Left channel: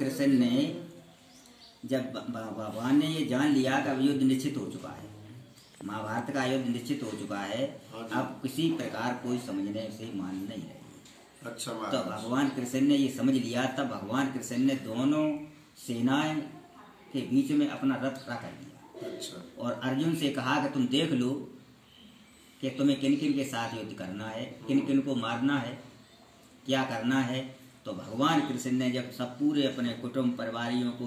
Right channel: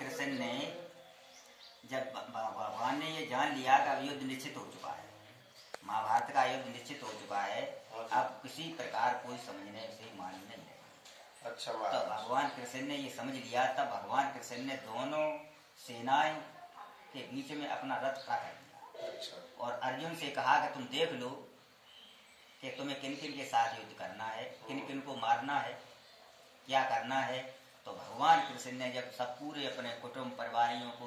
कृष्ण ने जब भगवान ने ये जान लिया कि अब युद्ध निश्चित हो चुका है, महाभारत का युद्ध निश्चित हो चुका है, अब किसी प्रकार कोई समझने से मान नहीं है। अच्छा, तो भगवान कृष्ण ने ये समझ लिया, तब भगवान कृष्ण ने दोनों सेनाएं के बीच में अपना रथ खड़ा कर दिया। अच्छा। और अर्जुन से कहा कि तुम देख लो कि तुम्हें किन किन के साथ युद्ध करना है, किन किन को मारना है, क्या करना है। तो भगवान कृष्ण ने जब सब पूरे अपने कुटुंब परिवारियों को,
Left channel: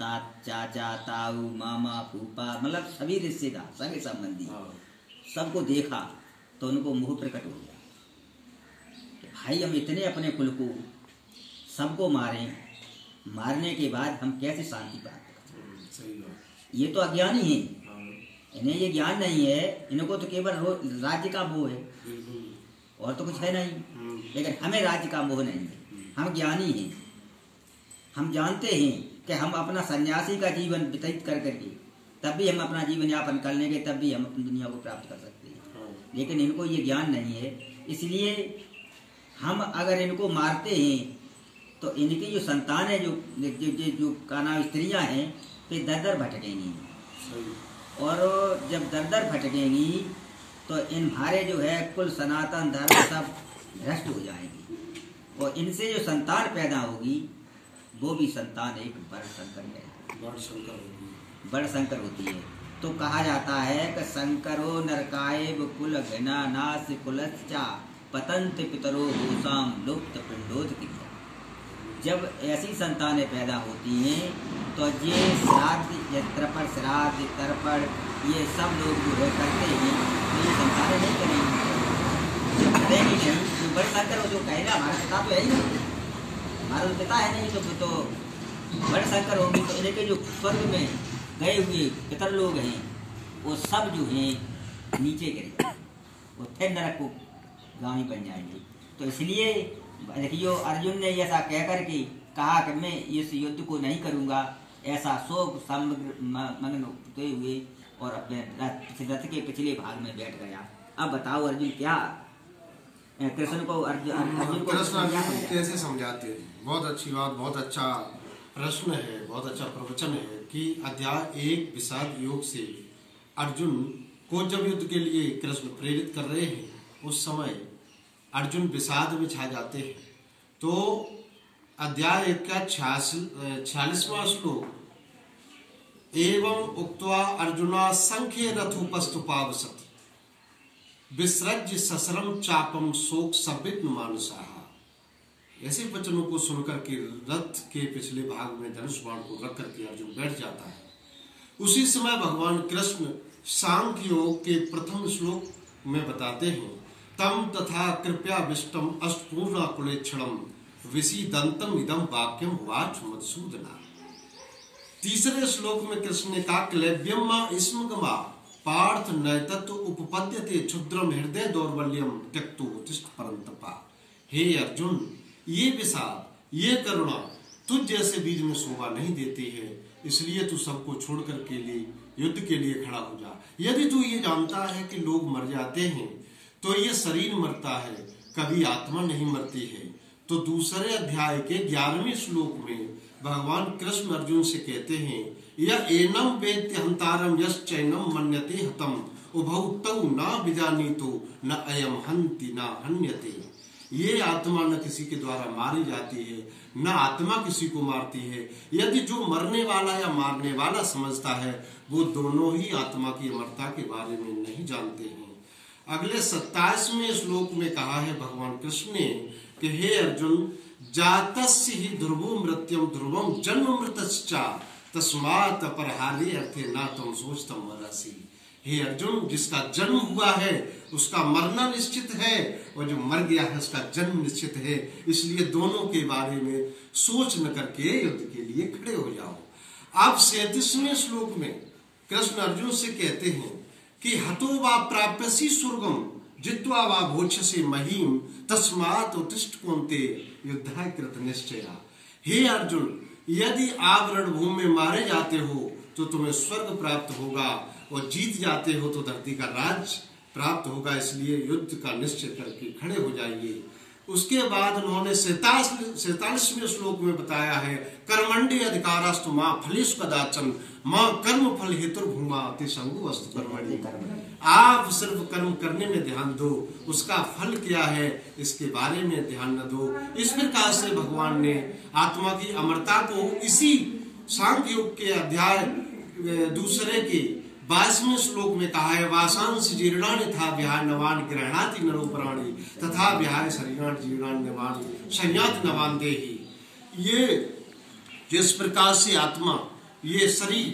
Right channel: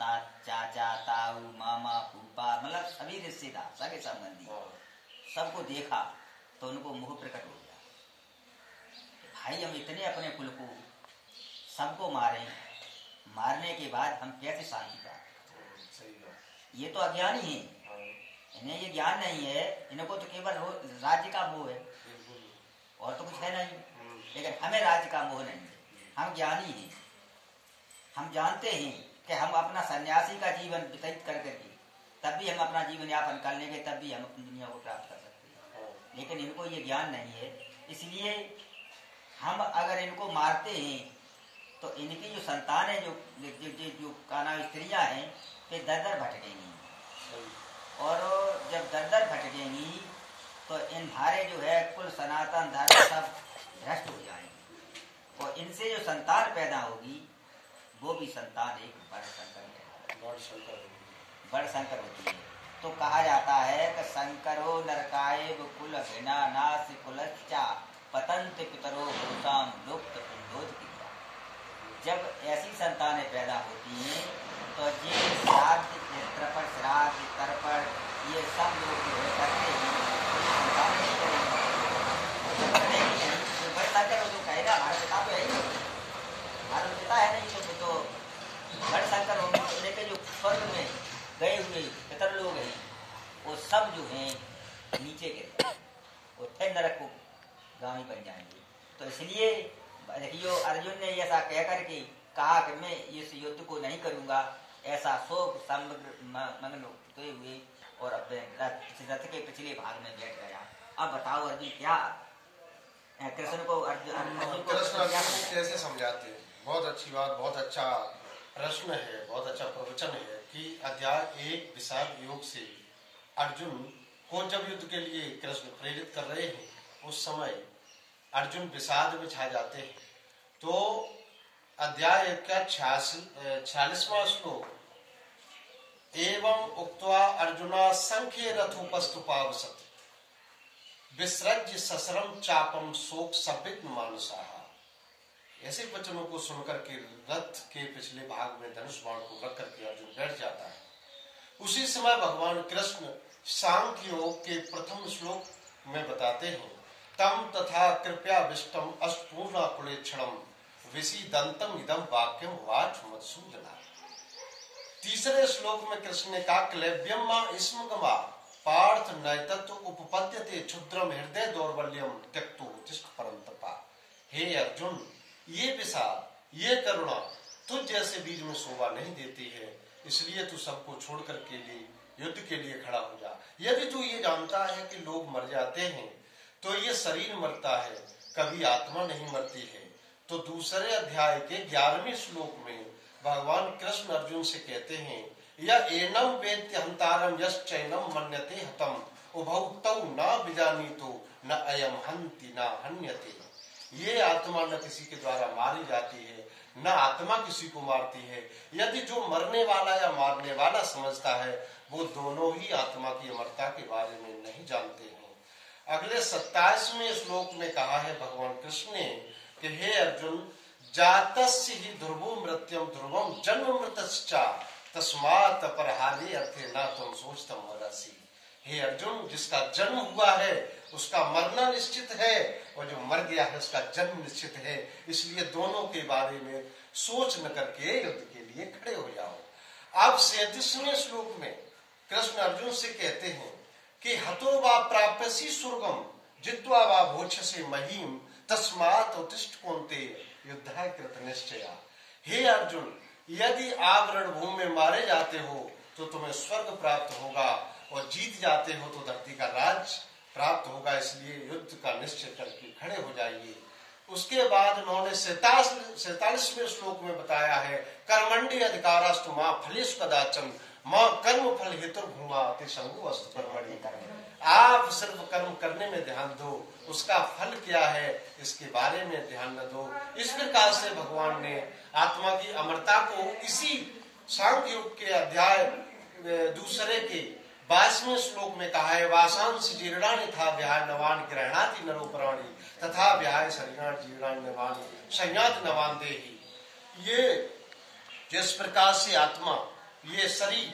चाचा, ताऊ, मामा, फूफा, मतलब सभी रिश्तेदार, सगे संबंधी सबको देखा, तो उनको मुंह प्रकट हो गया कि भाई हम इतने अपने कुल को सबको मारें, मारने के बाद हम कैसे शांति प्राप्त करें। ये तो अज्ञानी है, इन्हें ये ज्ञान नहीं है, इनको तो केवल राज्य का मोह है और तो कुछ है नहीं। लेकिन हमें राज्य का मोह नहीं है, हम ज्ञानी हैं, हम जानते हैं कि हम अपना सन्यासी का जीवन व्यतीत कर करके तब भी हम अपना जीवन यापन कर लेंगे, तब भी हम अपनी दुनिया को प्राप्त कर सकते हैं। लेकिन इनको ये ज्ञान नहीं है, इसलिए हम अगर इनको मारते हैं तो इनकी जो संतान है, जो काना स्त्रियां हैं, वे दर दर भटकेंगी। और जब दर दर भटकेंगी तो इन भारे जो है कुल सनातन धर्म सब भ्रष्ट हो जाएगी, और इनसे जो संतान पैदा होगी वो भी संतान एक बड़ शंकर होती है। तो कहा जाता है कि शंकरो नरकाय कुल घृणा नाश कुलश्चा पतंत पितरो होसाम लुप्त पिंडोद क्रिया। जब ऐसी संतानें पैदा होती हैं तो ये श्राद्ध, तर्पण, श्राद्ध, तर्पण, ये सब लोग जो है करते हैं, तो ये संतानें नहीं करेंगी नहीं। तो बड़े शंकर जो कहेगा हमारा पिता तो है ही नहीं, हमारा पिता है नहीं, तो बड़े शंकर होंगे। तो इनके जो स्वर्ग में गए हुए पितर लोग हैं वो सब जो हैं नीचे गिरेंगे, वो थे नरक को गामी बन जाएंगे। तो इसलिए देखियो अर्जुन ने ऐसा कह करके कहा कि मैं इस युद्ध को नहीं करूंगा, ऐसा शोक मगन होते हुए और अपने रथ के पिछले भाग में बैठ गया। अब बताओ अर्जुन क्या कृष्ण को कैसे समझाते हैं। बहुत अच्छी बात, बहुत अच्छा प्रश्न है, बहुत अच्छा प्रवचन है कि अध्याय 1 विषाद योग से अर्जुन को जब युद्ध के लिए कृष्ण प्रेरित कर रहे हैं, उस समय अर्जुन विषाद में छा जाते हैं। तो अध्याय 1 का 46वां श्लोक, एवं उक्त्वा अर्जुना संख्ये रथोपस्तुपावसत विसृज्य ससरम चापम शोक सविघ्न मानुषाः। ऐसे वचनों को सुनकर के रथ के पिछले भाग में धनुष बाण को रख करके अर्जुन बैठ जाता है। उसी समय भगवान कृष्ण सांख्य योग के प्रथम श्लोक में बताते हैं, तम तथा कृपया विष्टम अष्टपूर्णा कुलेक्षणम विसीदंतम इदम वाक्यम वाच मधुसूदना। तीसरे श्लोक में कृष्ण ने कहा, क्लैब्यम मा स्मगमा पार्थ नैतत्व उपपद्यते क्षुद्रम हृदय दौर्बल्यम त्यक्तो तिष्ठ परंतपा। हे अर्जुन, ये विषाद, ये करुणा तुझ जैसे बीज में शोभा नहीं देती है, इसलिए तू सबको छोड़ कर के लिए युद्ध के लिए खड़ा हो जा। यदि तू ये जानता है कि लोग मर जाते हैं तो ये शरीर मरता है, कभी आत्मा नहीं मरती है। तो दूसरे अध्याय के 11वें श्लोक में भगवान कृष्ण अर्जुन से कहते हैं, यह एनम वेत्य हंतारम यश्चैनम मन्यते हतम उभौ तौ न विजानीतो न अयम हन्ति न हन्यते। ये आत्मा न किसी के द्वारा मारी जाती है, न आत्मा किसी को मारती है। यदि जो मरने वाला या मारने वाला समझता है, वो दोनों ही आत्मा की अमरता के बारे में नहीं जानते हैं। अगले 27वें श्लोक में कहा है भगवान कृष्ण ने कि हे अर्जुन, जातस्य ही ध्रुवो मृत्युम ध्रुवम जन्म मृतश्चा तस्मात् परहारे अर्थे न तुम सोचतम मरसी। हे अर्जुन, जिसका जन्म हुआ है उसका मरना निश्चित है, और जो मर गया है उसका जन्म निश्चित है। इसलिए दोनों के बारे में सोच न करके युद्ध के लिए खड़े हो जाओ। अब 37वें श्लोक में कृष्ण अर्जुन से कहते हैं कि हतो वा प्राप्यसि स्वर्गम जित्वा वा भोक्षसे महीम तस्मात् उत्तिष्ठ कौन्ते युद्धाय कृत निश्चया। हे अर्जुन, यदि आप रणभूमि में मारे जाते हो तो तुम्हें स्वर्ग प्राप्त होगा, और जीत जाते हो तो धरती का राज प्राप्त होगा। इसलिए युद्ध का निश्चय करके खड़े हो जाइए। उसके बाद उन्होंने 47वें श्लोक में बताया है, कर्मण्डे अधिकारस्तु मां फलेषु कदाचन मां कर्म फल हेतु भूमा अति संगु अस्तु कर्मणि। आप सिर्फ कर्म करने में ध्यान दो, उसका फल क्या है इसके बारे में ध्यान न दो। इस प्रकार से भगवान ने आत्मा की अमरता को इसी सांख्य योग के अध्याय 2 के 22वें श्लोक में कहा है, वासांश जीर्णानि था विहाय नवान ग्रहणाति नरो प्राणी तथा विहाय शरीरान जीर्णानि नवानि संयाति नवान देहि। ये जिस प्रकार से आत्मा, ये शरीर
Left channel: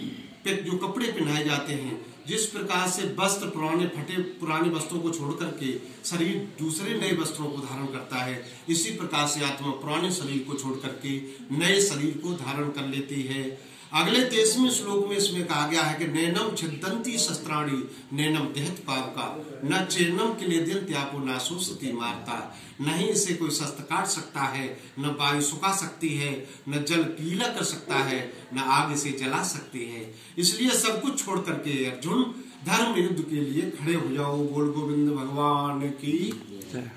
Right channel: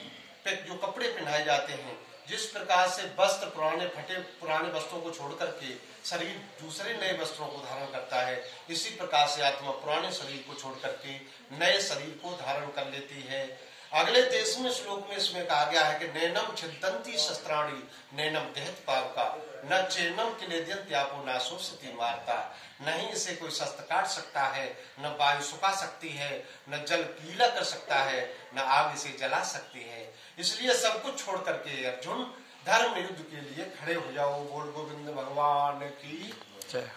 पे जो कपड़े पहनाए जाते हैं, जिस प्रकार से वस्त्र पुराने फटे पुराने वस्त्रों को छोड़ करके शरीर दूसरे नए वस्त्रों को धारण करता है, इसी प्रकार से आत्मा पुराने शरीर को छोड़ करके नए शरीर को धारण कर लेती है। अगले 23वें श्लोक में इसमें कहा गया है कि नैनम छिदंती शस्त्राणी नैनम देहत पावका न चेनम क्लेद्यंत्यापो न शोषति मारता। नहीं इसे कोई शस्त्र काट सकता है, न वायु सुखा सकती है, न जल पीला कर सकता है, न आग इसे जला सकती है। इसलिए सब कुछ छोड़ करके अर्जुन धर्म युद्ध के लिए खड़े हो जाओ। बोल गोविंद भगवान की जय।